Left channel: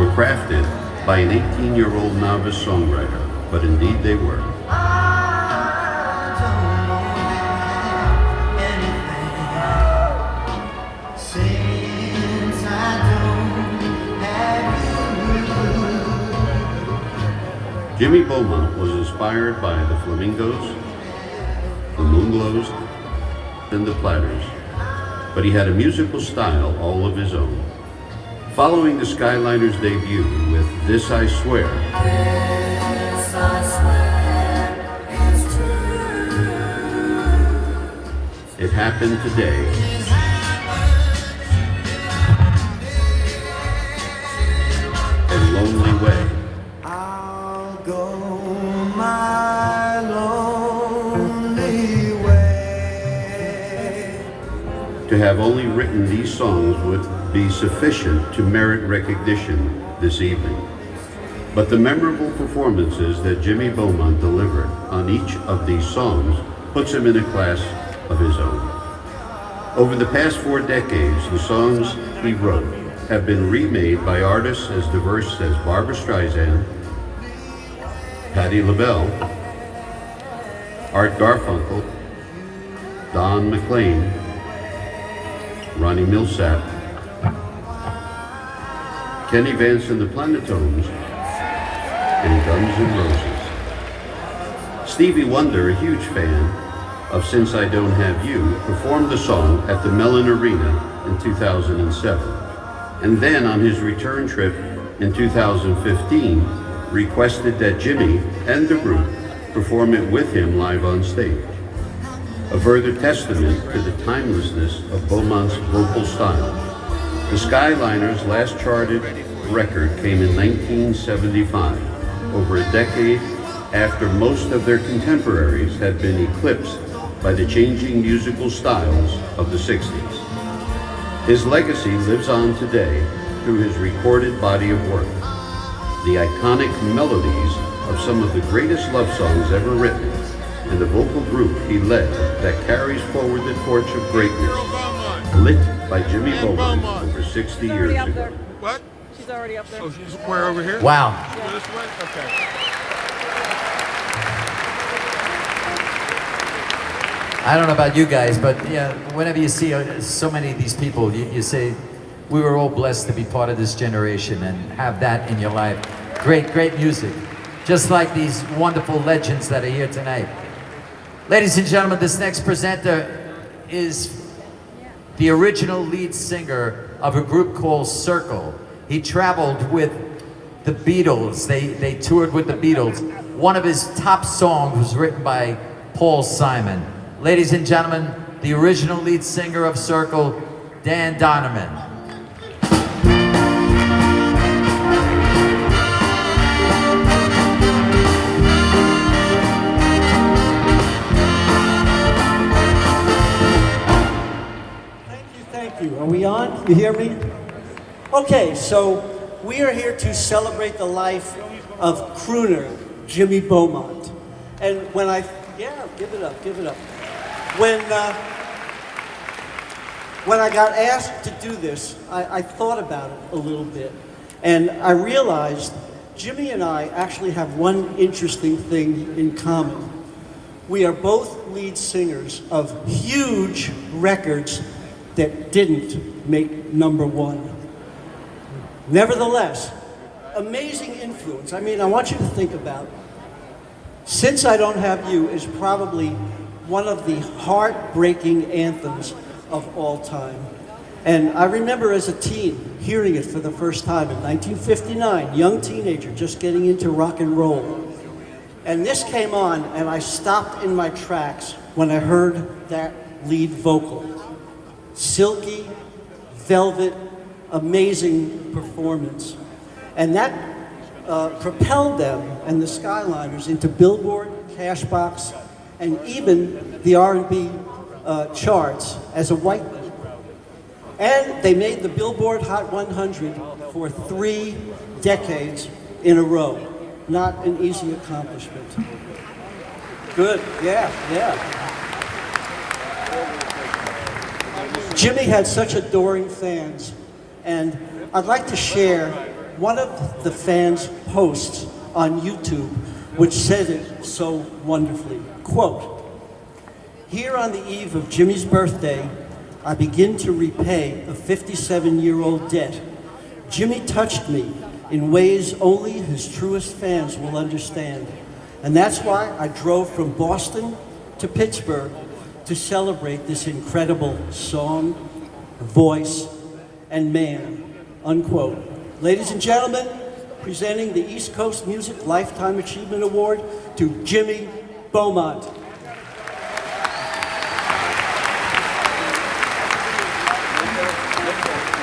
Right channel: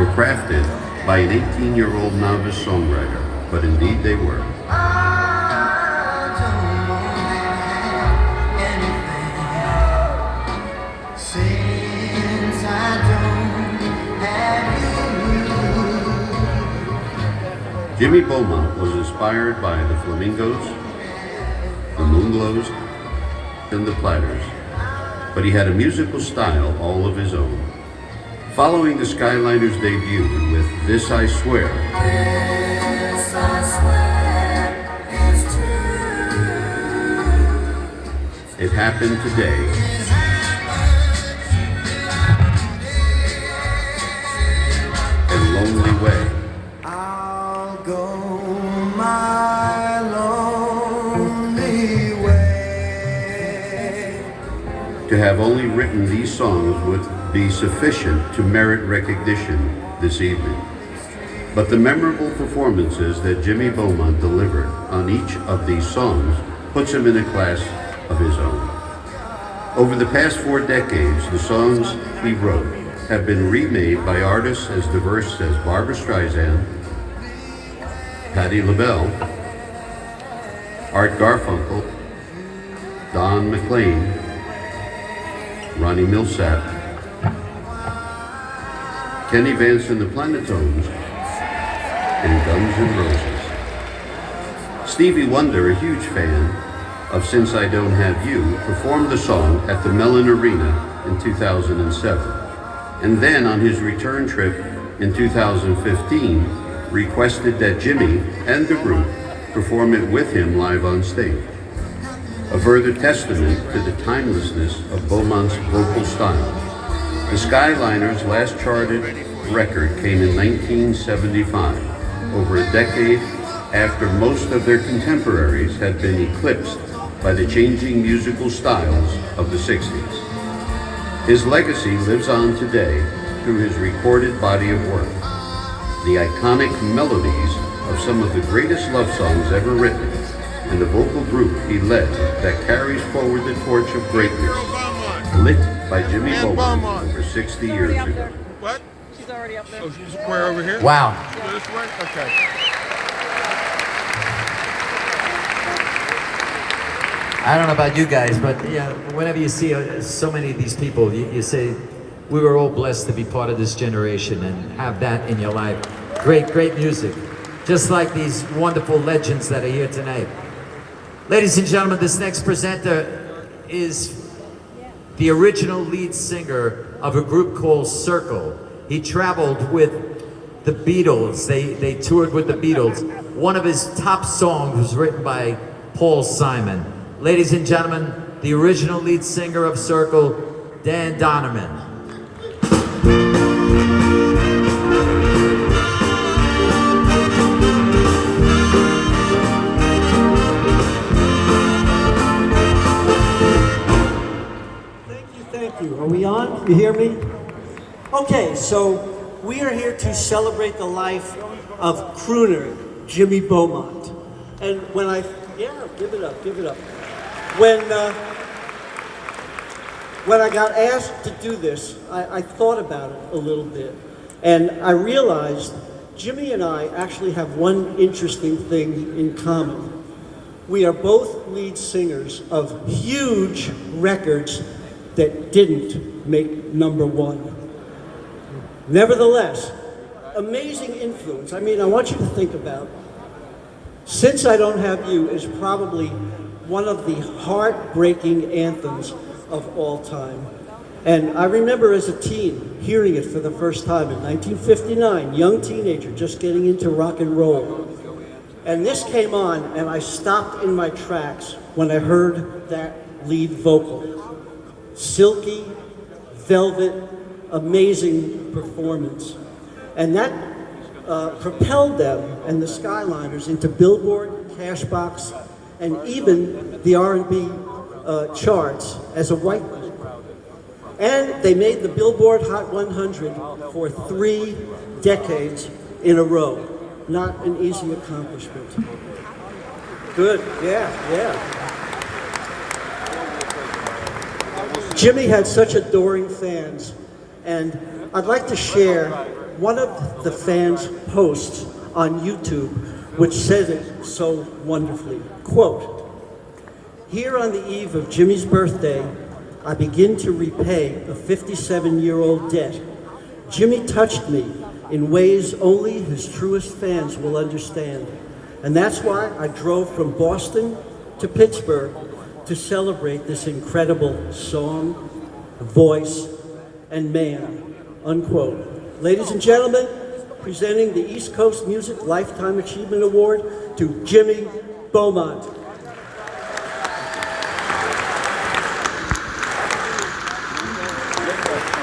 were crafted by an 18-year-old novice songwriter, but indeed they were. Jimmy Beaumont was inspired by the Flamingos, the Moonglows, and the Platters, but he had a musical style all of his own. Following the Skyliners' debut with This I Swear, This I swear is true. It Happened Today, and Lonely Way. I'll go my lonely way. To have only written these songs would be sufficient to merit recognition this evening. But the memorable performances that Jimmy Beaumont delivered on each of these songs puts him in a class of his own. Over the past 4 decades, the songs he wrote have been remade by artists as diverse as Barbra Streisand, Patti LaBelle, Art Garfunkel, Don McLean, Ronnie Milsap, Kenny Vance and the Planetones, and Guns N' Roses. Stevie Wonder, a huge fan of Since I Don't Have You, performed the song at the Mellon Arena in 2007. And then on his return trip in 2015, requested that Jimmy and the group perform it with him live on stage. A further testament to the timelessness of Beaumont's vocal style. The Skyliners' last charted record came in 1975, over a decade after most of their contemporaries had been eclipsed by the changing musical styles of the 60s. His legacy lives on today through his recorded body of work, the iconic melodies of some of the greatest love songs ever written, and the vocal group he led that carries forward the torch of greatness, lit by Jimmy Beaumont over 60 years ago. What? She's already up there. Oh, she's where, over here? Wow. Go this way? Okay. I don't know about you guys, but yeah, whenever you see so many of these people, you say, we were all blessed to be part of this generation and have that in your life. Great, great music. Just like these wonderful legends that are here tonight. Ladies and gentlemen, this next presenter is the original lead singer of a group called Circle. He traveled with the Beatles. They toured with the Beatles. One of his top songs was written by Paul Simon. Ladies and gentlemen, the original lead singer of Circle, Dan Donovan. Thank you. Are we on? You hear me? Okay, so we are here to celebrate the life of crooner Jimmy Beaumont. And when I, yeah, give it up, give it up. When I got asked to do this, I thought about it a little bit. And I realized Jimmy and I actually have one interesting thing in common. We are both lead singers of huge records that didn't make #1. Nevertheless, amazing influence. I mean, I want you to think about, Since I Don't Have You is probably one of the heartbreaking anthems of all time. And I remember as a teen hearing it for the first time in 1959, young teenager just getting into rock and roll. And this came on and I stopped in my tracks when I heard that lead vocal. Silky, velvet, amazing performance. And that propelled them and the Skyliners into Billboard, Cashbox, and even the R&B charts as a white man. And they made the Billboard Hot 100 for 3 decades in a row. Not an easy accomplishment. Good, yeah. Jimmy had such adoring fans, and I'd like to share one of the fans' posts on YouTube, which said it so wonderfully. Quote, "Here on the eve of Jimmy's birthday, I begin to repay a 57-year-old debt. Jimmy touched me in ways only his truest fans will understand. And that's why I drove from Boston to Pittsburgh to celebrate this incredible song, voice, and man," unquote. Ladies and gentlemen, presenting the East Coast Music Lifetime Achievement Award to Jimmy Beaumont.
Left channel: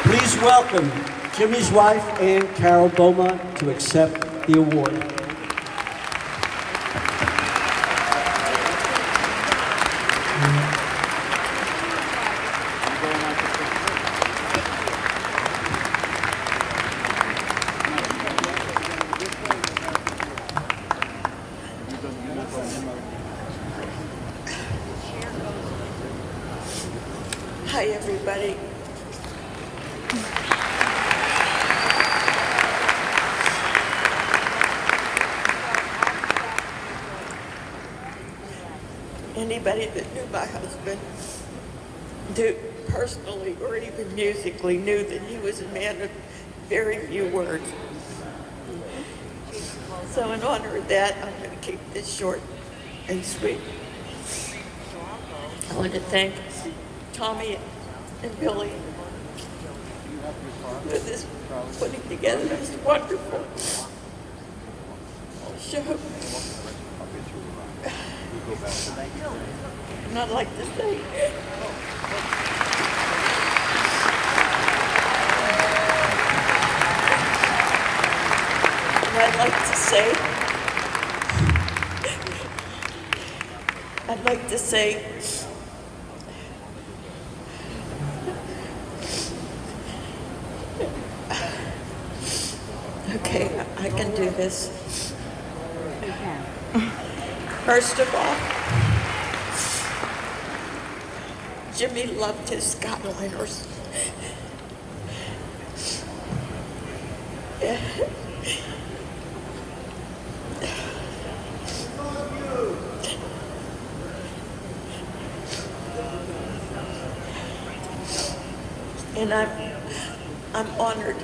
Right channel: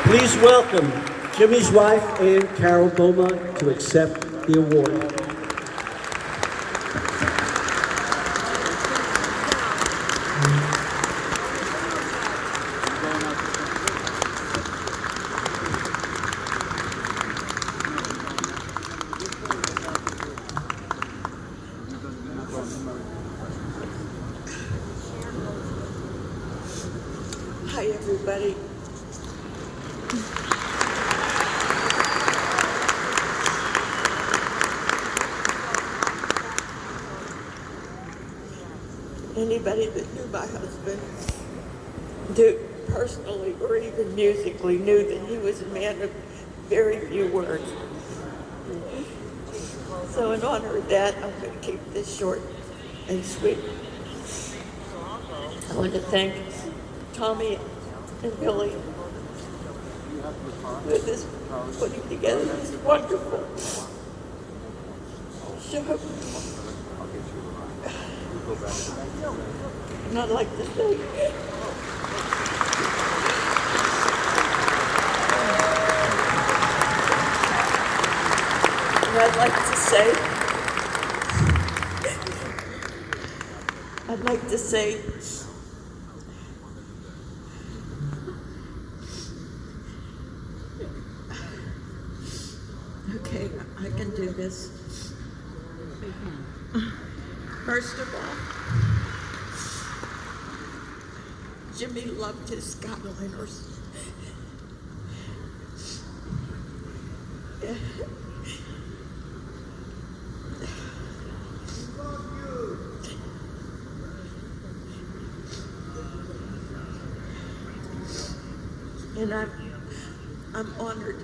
Please welcome Jimmy's wife, Ann Carol Beaumont, to accept the award. Hi, everybody. Anybody that knew my husband, knew personally or even musically, knew that he was a man of very few words. So in honor of that, I'm going to keep this short and sweet. I want to thank Tommy and Billy for this putting together this wonderful show. And I'd like to say, okay, I can do this. First of all, Jimmy loved his Skyliners. And I'm honored,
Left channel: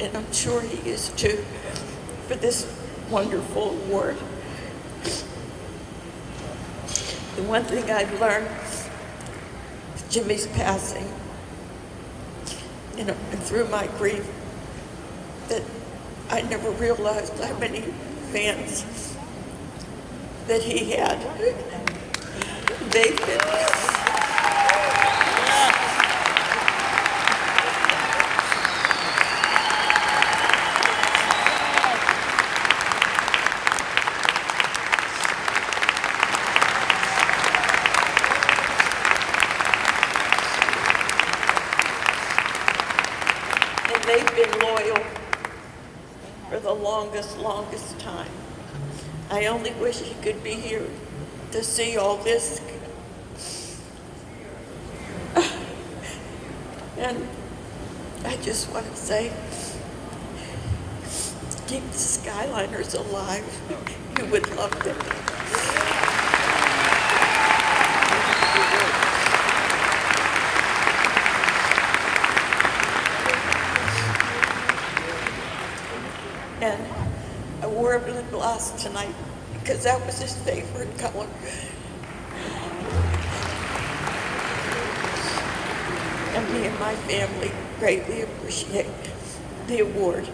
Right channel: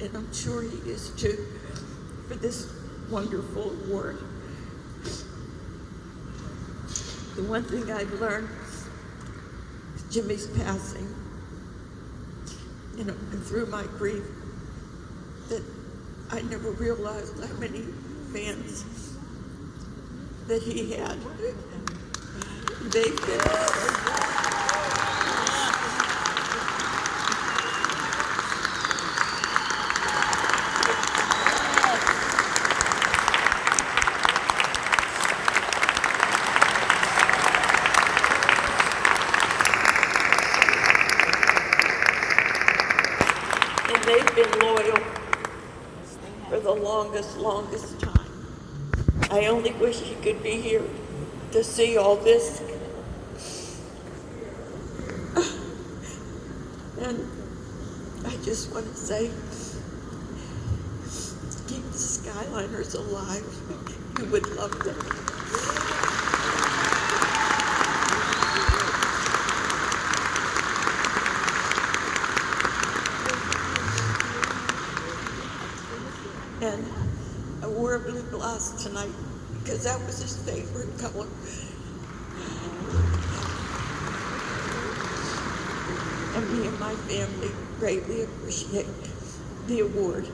and I'm sure he is too, for this wonderful award. The one thing I've learned with Jimmy's passing, and through my grief, that I never realized how many fans that he had. They've been loyal for the longest time. I only wish he could be here to see all this. And I just want to say, keep the Skyliners alive. You would love them. And I wore a blue blouse tonight because that was his favorite color. And me and my family greatly appreciate the award.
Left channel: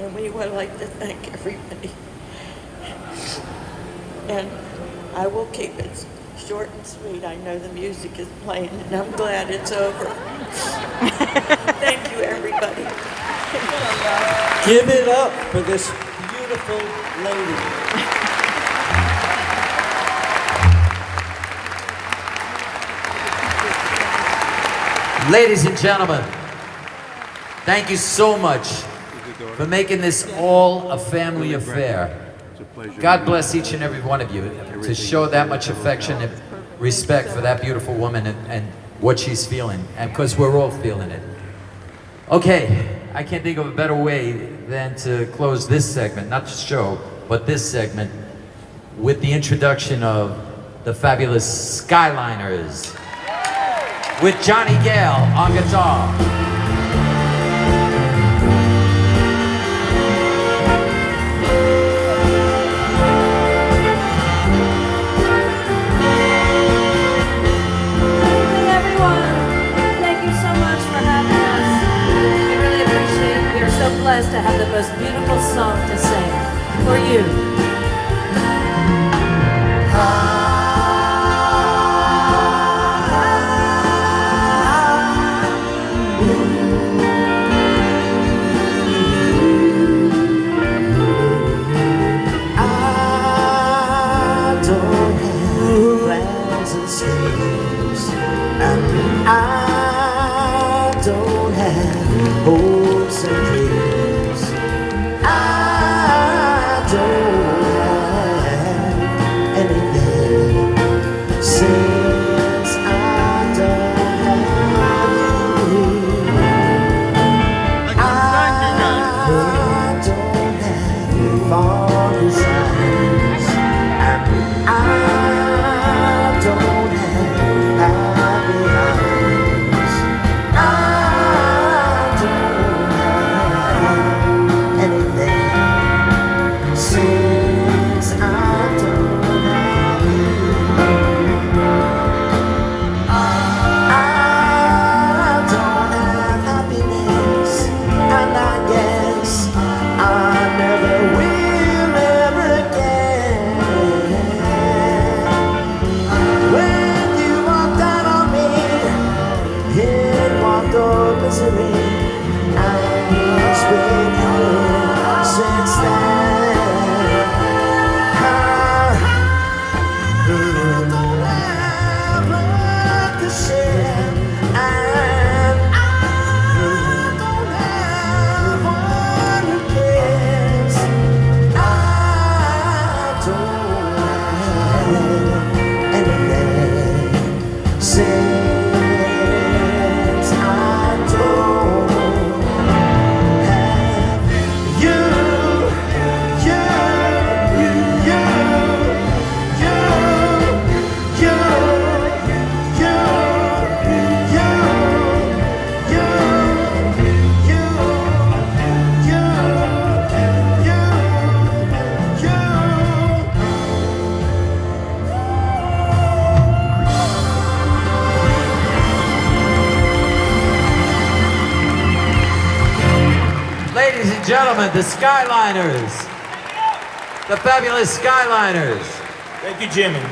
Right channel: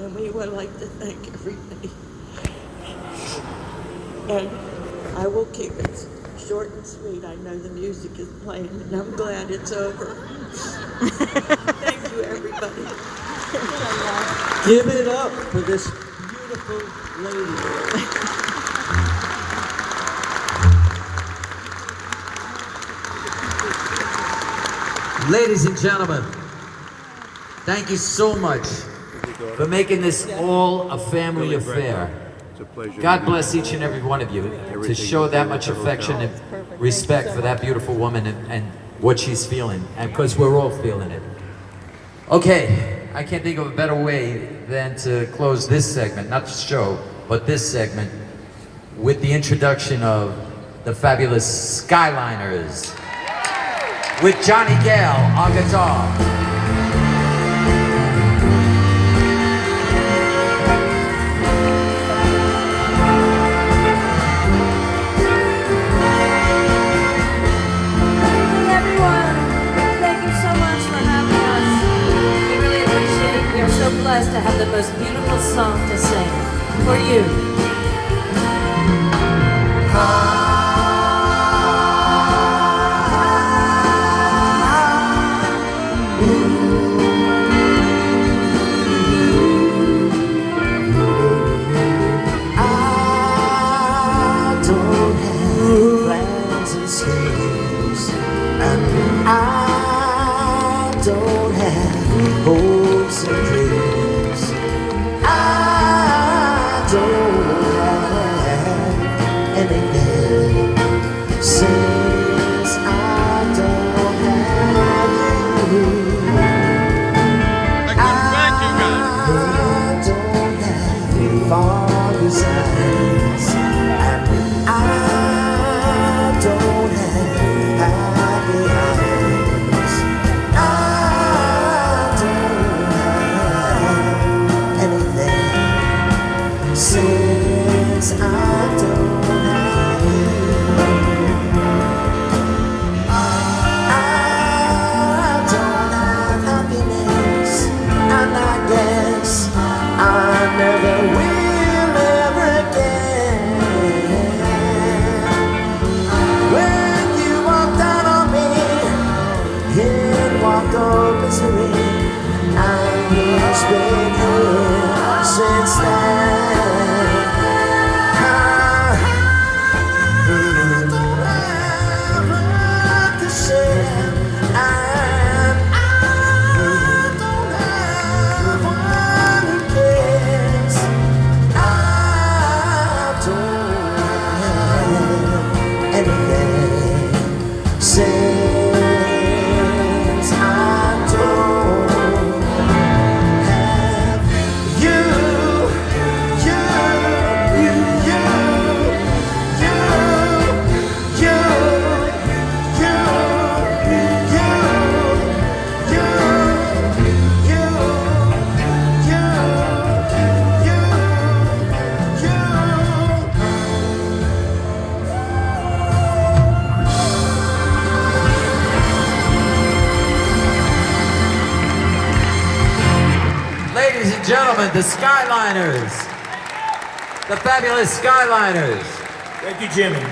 And we would like to thank everybody. And I will keep it short and sweet. I know the music is playing and I'm glad it's over. Thank you, everybody. Give it up for this beautiful lady. Ladies and gentlemen, thank you so much for making this all a family affair. God bless each and every one of you to show that much affection and respect for that beautiful woman and what she's feeling, and because we're all feeling it. Okay. I can't think of a better way than to close this segment, not the show, but this segment, with the introduction of the fabulous Skyliners with Johnny Gale on guitar. Hey everyone, thank you so much for having us. We really appreciate it. We are so blessed to have the most beautiful song to sing for you. Don't have hopes and dreams. I don't have anything since I don't have you. Thank you, guys. I don't have far desires, and I don't have happy eyes. I don't have anything since I don't have you. I don't have happiness, and I guess I never will ever again. When you walked out on me, it walked on misery. I've been here since then. I don't have love to share, and I don't have one who cares. I don't have anything since I don't have you, Ladies and gentlemen, the Skyliners. The fabulous Skyliners. Thank you, Jimmy.